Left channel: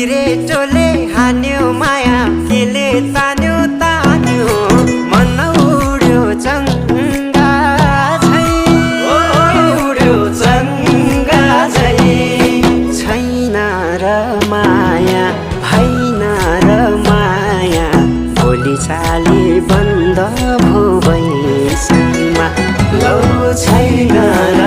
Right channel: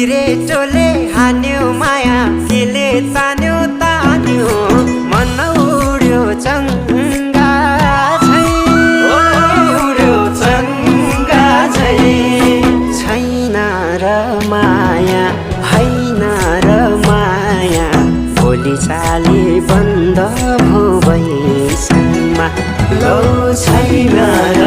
सिरेटोले हान्यो माया केले तान्यो तान्यो मन उड्यो चङ्गा झै उड्यो चङ्गा झै छैन र माया भएन र माया बोली चाली बन्द भो बैसैमा लौ छैन